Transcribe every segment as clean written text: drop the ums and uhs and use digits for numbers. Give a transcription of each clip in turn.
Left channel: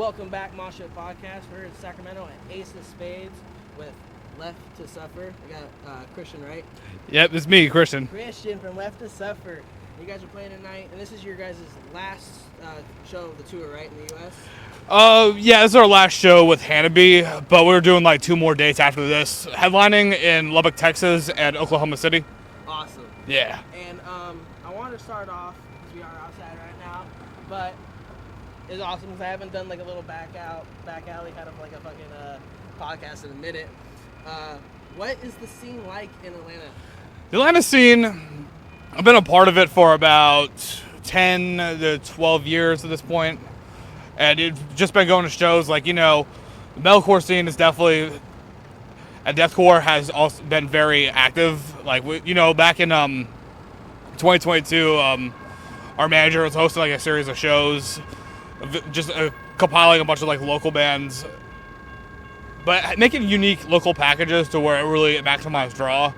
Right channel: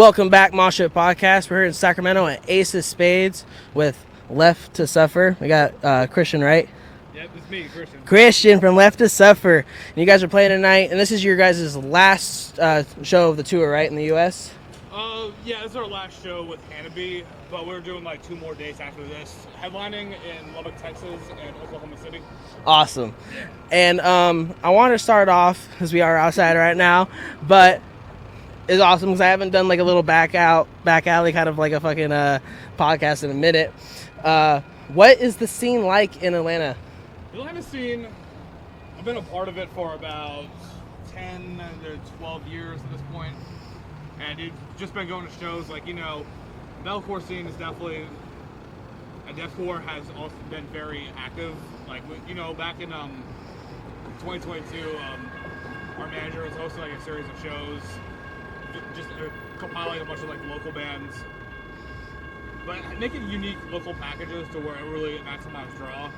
Welcome back, Mosh Pit Podcast. We're here in Sacramento at Ace of Spades with Left to Suffer. We got Christian, right? Yep, it's me, Christian. Christian from Left to Suffer. And you guys are playing tonight, and this is your guys' last show of the tour, right, in the U.S.? Yeah, this is our last show with Hannibal, but we're doing like 2 more dates after this. Headlining in Lubbock, Texas, and Oklahoma City. Awesome. Yeah. And I want to start off, because we are outside right now, but it's awesome because I haven't done like a little back alley kind of like a fucking podcast in a minute. What is the scene like in Atlanta? The Atlanta scene, I've been a part of it for about 10 to 12 years at this point. And it's just been going to shows like, the metalcore scene is definitely, and deathcore has also been very active. Like, back in 2022, our manager was hosting like a series of shows, just compiling a bunch of like local bands, but making unique local packages to where it really maximized draw.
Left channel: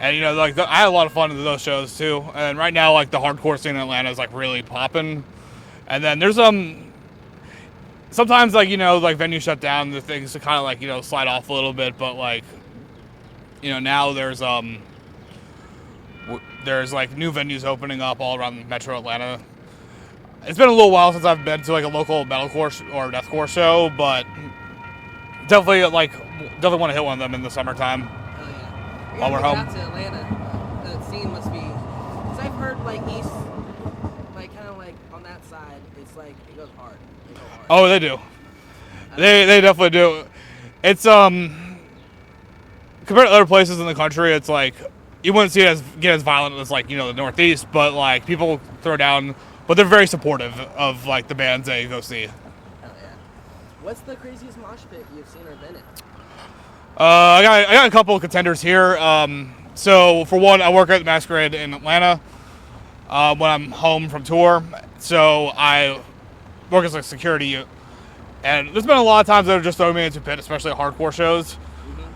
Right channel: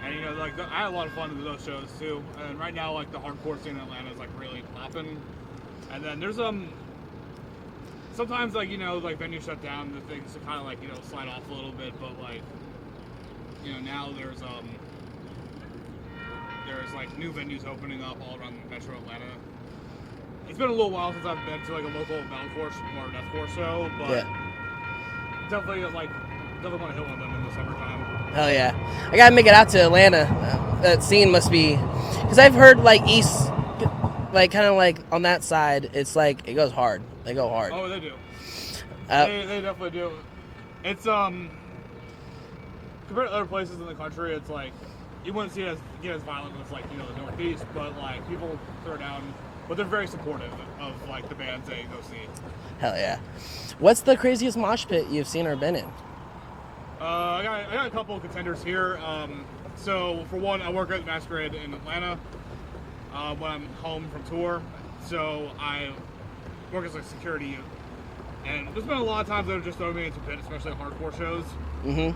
And I had a lot of fun in those shows too. And right now, like the hardcore scene in Atlanta is like really popping. And then there's sometimes like venues shut down, the things to kind of like slide off a little bit. But like now there's like new venues opening up all around Metro Atlanta. It's been a little while since I've been to like a local metalcore or deathcore show, but definitely want to hit one of them in the summertime. Oh yeah, I gotta make it out to Atlanta. That scene must be, because I've heard like East, like kind of like on that side, it's like it goes hard. They go hard. Oh, they do. They definitely do. It's compared to other places in the country, it's like you wouldn't see it get as violent as like the Northeast, but like people throw down. But they're very supportive of like the bands they go see. Hell yeah! What's the craziest mosh pit you've seen or been in? I got a couple of contenders here. So for one, I work at the Masquerade in Atlanta when I'm home from tour. So I work as a security, and there's been a lot of times that have just thrown me into pit, especially at hardcore shows. Mm-hmm.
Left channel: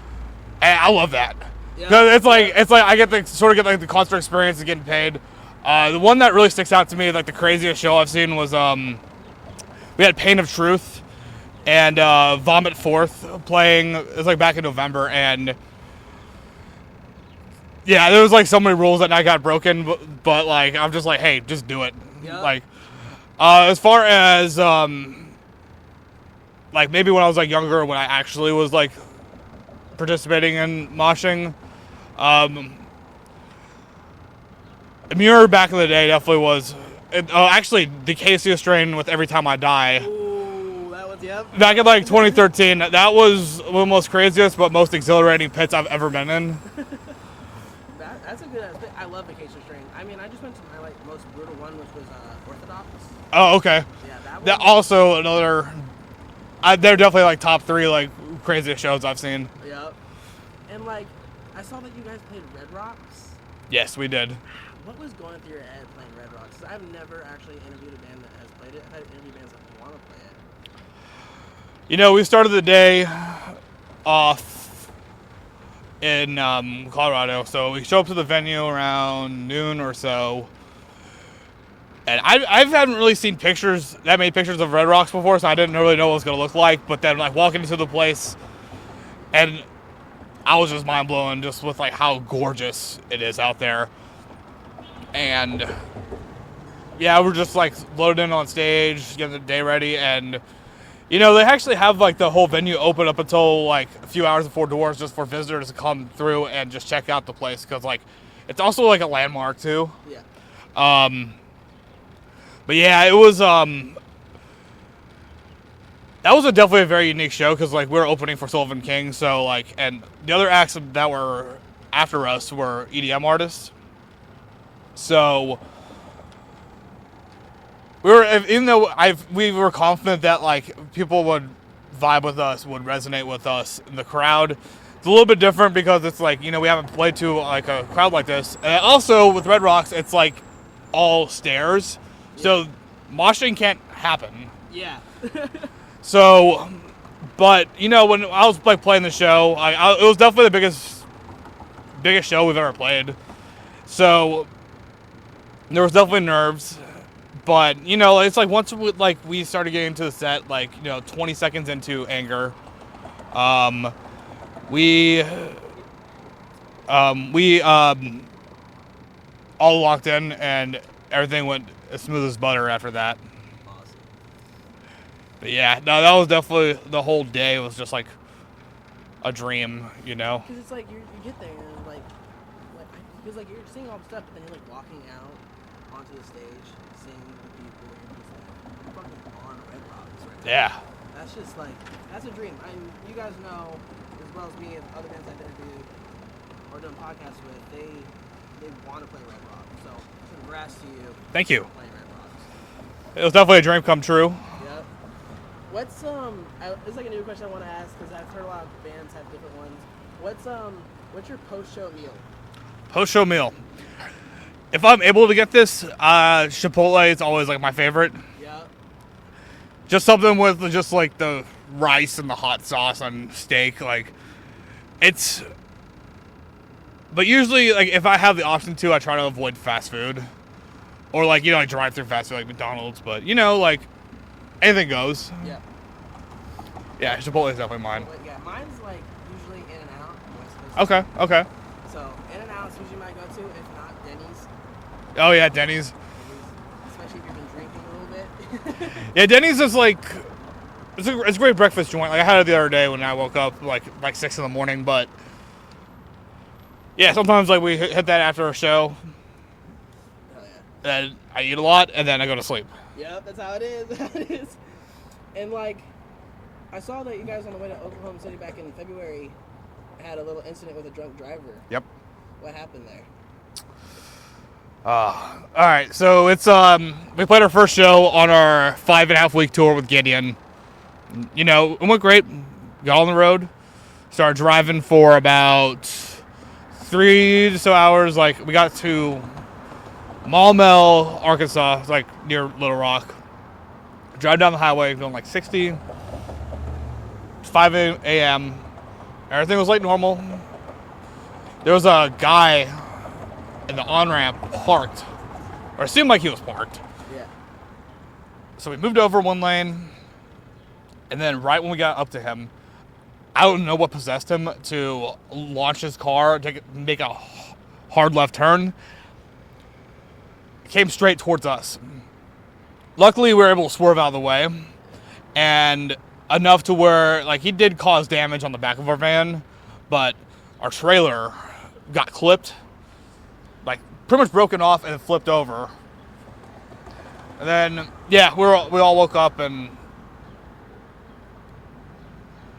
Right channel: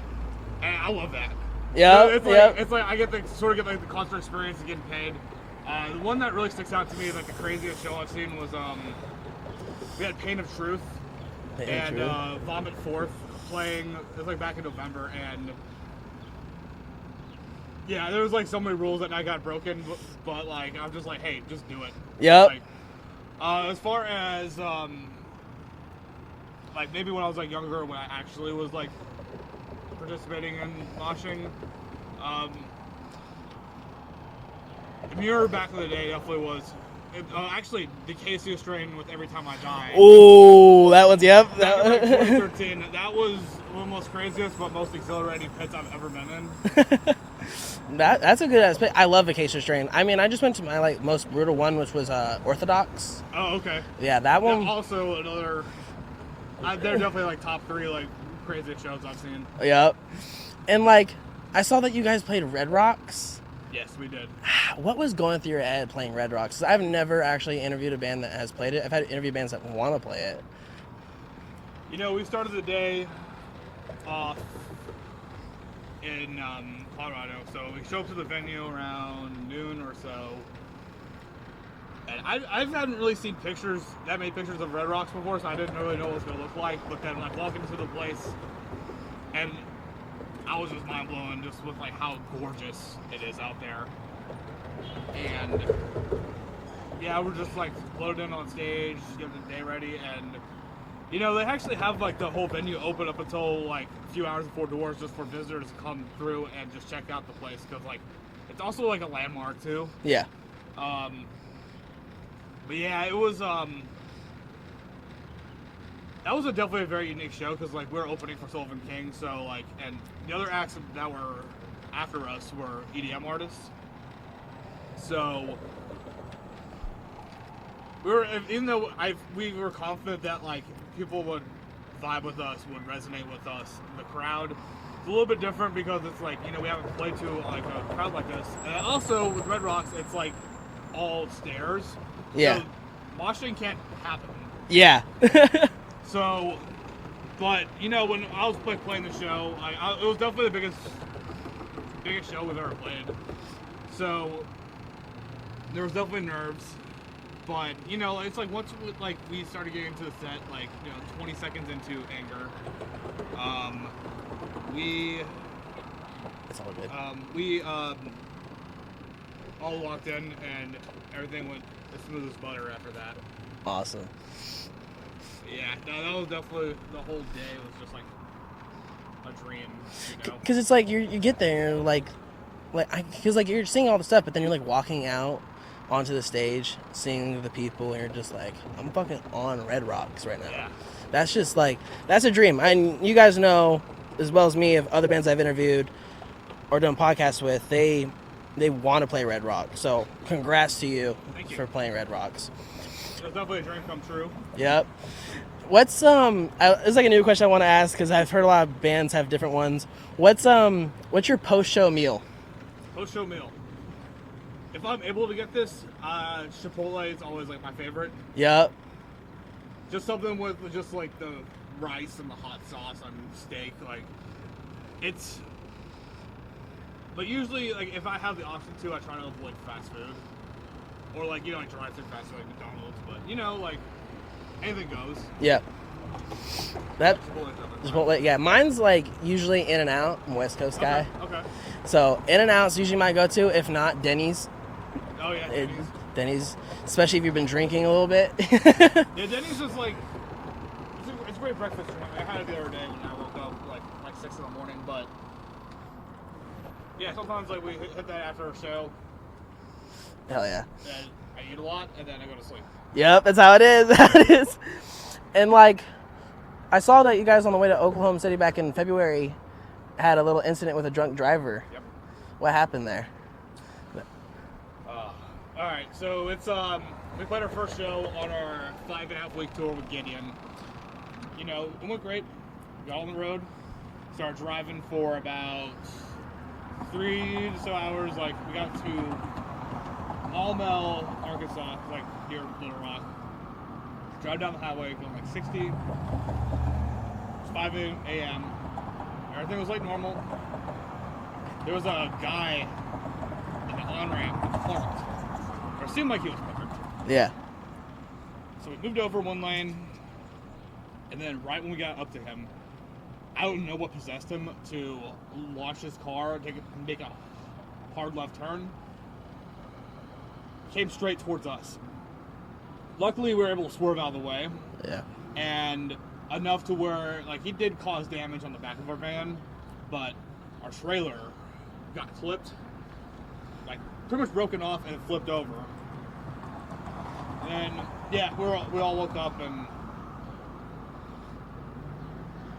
And I love that. Yeah, it's like I get the the concert experience of getting paid. The one that really sticks out to me, like the craziest show I've seen, was we had Pain of Truth and Vomit Forth playing. It was like back in November, and yeah, there was like so many rules that night got broken, but like I'm just like, hey, just do it. Yeah. Like as far as like maybe when I was like younger, when I actually was like participating in moshing. Muir back in the day definitely was. Actually, the KCO strain with Every Time I Die. Oh, that was, yep. Back in like 2013, that was one of the most craziest but most exhilarating pits I've ever been in. That's a good ass pit. I love Vacation Strain. I mean, I just went to my like most brutal one, which was Orthodox. Oh, okay. Yeah, that one. That also another. They're definitely like top 3 like craziest shows I've seen. Yep. And like, I saw that you guys played Red Rocks. Yes, we did. What was going through your head playing Red Rocks? 'Cause I've never actually interviewed a band that has played it. I've had interview bands that want to play it. We started the day off in Colorado, so we show up to the venue around noon or so. And I haven't really seen that many pictures of Red Rocks before, so I didn't really know what it was going to look like. But then like walking into the place, and I was just mind blown just with like how gorgeous it is out there. And yeah, we're just like loaded in on stage, getting the day ready, and they actually have like the whole venue open up until like a few hours before doors just for visitors to come through and just check out the place, because like it's also like a landmark too. Yeah. But yeah, it was that was definitely a very unique show, because like we were opening for Sullivan King, so like, and the other acts that were after us were EDM artists. So we were confident that like people would vibe with us, would resonate with us. The crowd, it's a little bit different because it's like we haven't played to like a crowd like this, and also with Red Rocks, it's like all stairs, so moshing can't happen. Yeah. So, but when I was like playing the show, it was definitely the biggest show we've ever played. So there was definitely nerves, But, you know, it's like once we started getting into the set, like, you know, 20 seconds into Anger, we all locked in, and everything went as smooth as butter after that. Awesome. But yeah, no, that was definitely, the whole day was just like a dream, you know? Because it's like you get there, like because like you're seeing all the stuff, but then you're like walking out onto the stage, seeing the people, and you're just like, I'm fucking on Red Rocks right now. Yeah. That's just like, that's a dream. And you guys know as well as me of other bands I've interviewed or done podcasts with, they want to play Red Rock. So congrats to you. Thank you for playing Red Rocks. It was definitely a dream come true. Yep. What's it's like a new question I want to ask because I've heard a lot of bands have different ones. What's your post-show meal? Post-show meal. If I'm able to get this, Chipotle is always like my favorite. Yep. Just something with just like the rice and the hot sauce on steak, like it's. But usually, like if I have the option to, I try to avoid fast food, or like, you know, like drive-through fast food like McDonald's. But you know, like anything goes. Yep. Yeah, Chipotle is definitely mine. Chipotle, yeah, mine's like usually In-N-Out, West Coast style. Okay. So In-N-Out's usually my go-to. If not, Denny's. Oh yeah, Denny's. Denny's, especially if you've been drinking a little bit. Yeah, Denny's is like, it's a great breakfast joint. Like I had it the other day when I woke up like 6 in the morning. But yeah, sometimes like we hit that after a show. Hell yeah. And I eat a lot and then I go to sleep. Yep, that's how it is. That is. And like, I saw that you guys on the way to Oklahoma City back in February had a little incident with a drunk driver. Yep. What happened there? All right, so it's we played our first show on our 5.5 week tour with Gideon. You know, it went great. Got on the road, started driving for about 3 to so hours. Like we got to Maumelle, Arkansas, it's like near Little Rock. Drive down the highway, going like 60. 5 a.m. Everything was like normal. There was a guy in the on-ramp parked, or it seemed like he was parked. Yeah. So we moved over one lane, and then right when we got up to him, I don't know what possessed him to launch his car, make a hard left turn. Came straight towards us. Luckily, we were able to swerve out of the way. Yeah. And enough to where, like, he did cause damage on the back of our van, but our trailer got clipped, like, pretty much broken off and it flipped over. And then, yeah, we all woke up, and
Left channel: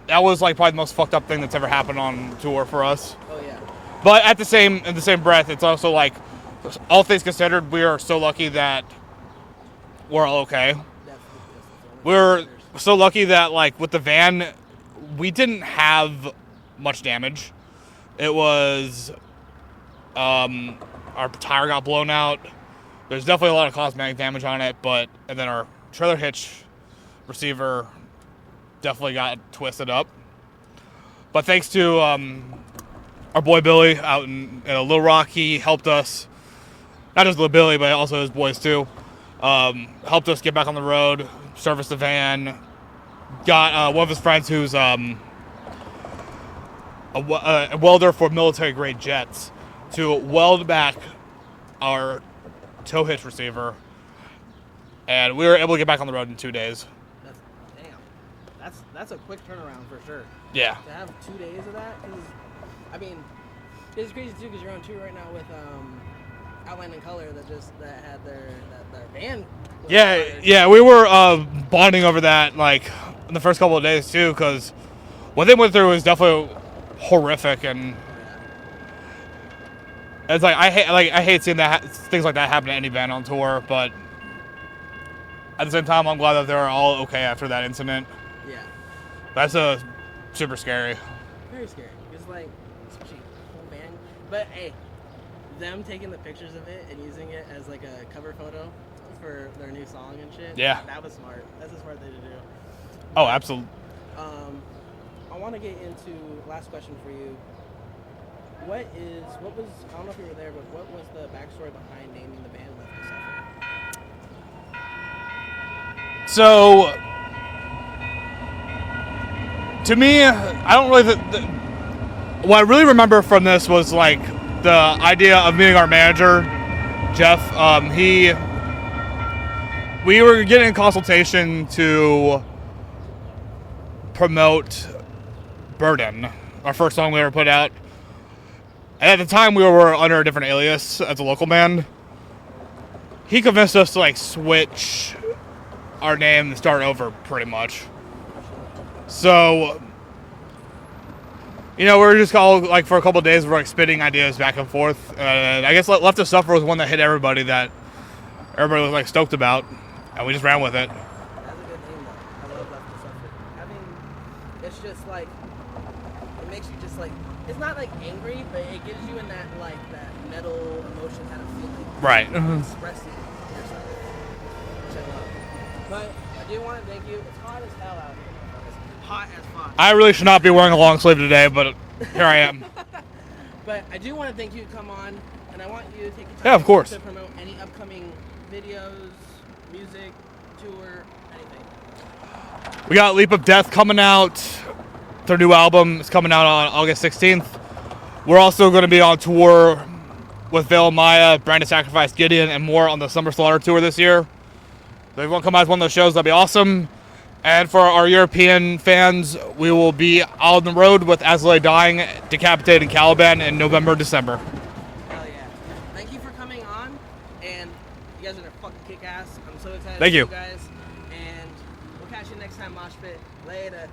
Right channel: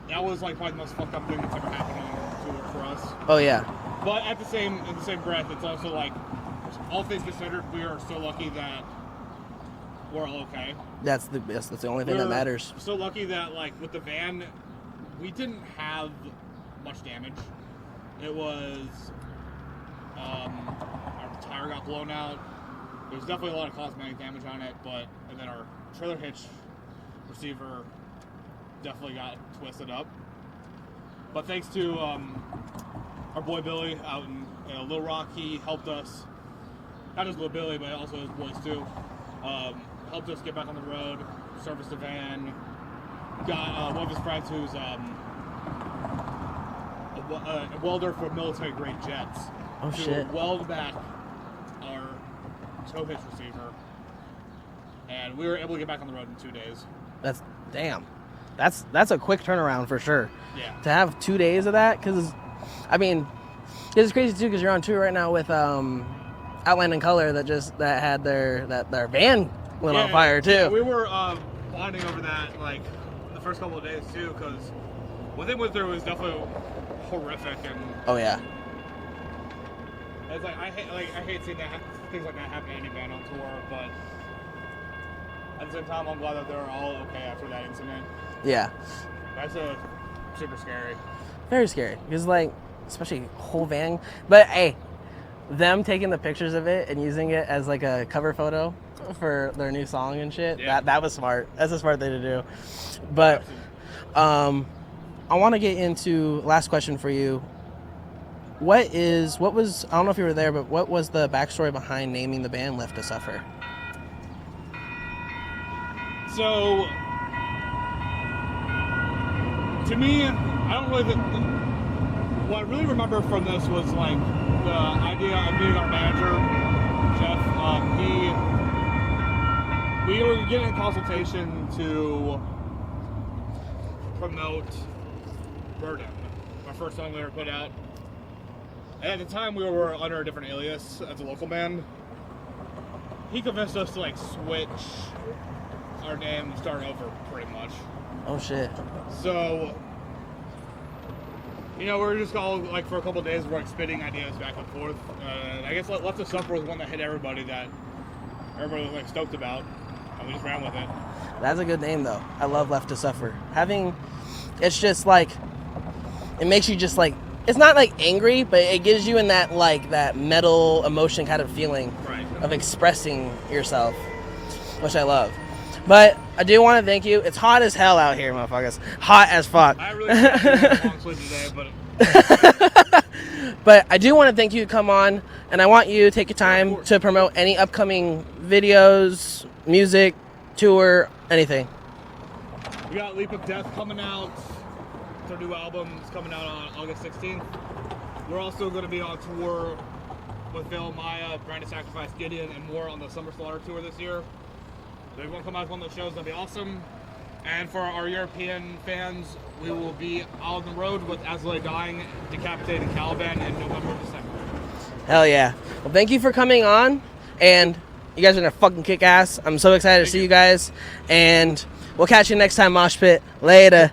that was, like, probably the most fucked up thing that's ever happened on tour for us. Oh, yeah. But in the same breath, it's also, like, all things considered, we are so lucky that we're all okay. That's the only thing that matters. We're so lucky that, like, with the van, we didn't have much damage. It was, our tire got blown out. There's definitely a lot of cosmetic damage on it, and then our trailer hitch receiver definitely got twisted up. But thanks to our boy Billy out in Little Rock, he helped us. Not just Little Billy, but also his boys too. Helped us get back on the road, service the van. Got one of his friends who's a welder for military grade jets to weld back our tow hitch receiver, and we were able to get back on the road in 2 days. That's a quick turnaround for sure. Yeah. To have 2 days of that, because I mean, it's crazy too because you're on tour right now with Outland and Color that had their van lit on fire too. Yeah, we were bonding over that like in the first couple of days too, because what they went through was definitely horrific. And oh yeah, it's like I hate seeing things like that happen to any band on tour, but at the same time, I'm glad that they're all okay after that incident. Yeah, that's super scary. Very scary because like especially whole van, but hey. Them taking the pictures of it and using it as like a cover photo for their new song and shit. Yeah. That was smart. That's a smart thing to do. But, absolutely. I want to get into last question for you. What was, I don't know if you were there, but what was the backstory behind naming the band Left to Suffer? So, to me, I don't really... what I really remember from this was, like, the idea of meeting our manager, Jeff. We were getting a consultation to promote Burden, our first song we ever put out. And at the time, we were under a different alias as a local band. He convinced us to, like, switch our name and start over, pretty much. Oh, shit. So, you know, we were just all, like, for a couple of days, we're, like, spitting ideas back and forth. I guess Left to Suffer was one that hit everybody that everybody was, like, stoked about. And we just ran with it. That's a good name, though. I love Left to Suffer. It's just, like, it makes you just, like, it's not, like, angry, but it gives you in that, like, that metal emotion kind of feeling. Right. Of expressing yourself, which I love. But I do want to thank you. It's hot as hell out here, motherfuckers. Hot as fuck. I really should not be wearing a long sleeve today, but here I am. But I do want to thank you to come on, and I want you to take your time to promote any upcoming videos, music, tour, anything. We got Leap of Death coming out. Their new album is coming out on August 16th. We're also going to be on tour with Veil Maya, Brand of Sacrifice, Gideon, and more on the Summer Slaughter tour this year. So if you want to come out to one of those shows, that'd be awesome. And for our European fans, we will be out on the road with As Lay Dying, Decapitated, and Caliban in November, December. Hell yeah. Well, thank you for coming on, and you guys are going to fucking kick ass. I'm so excited to see you guys, and we'll catch you next time, Mosh Pit. Later.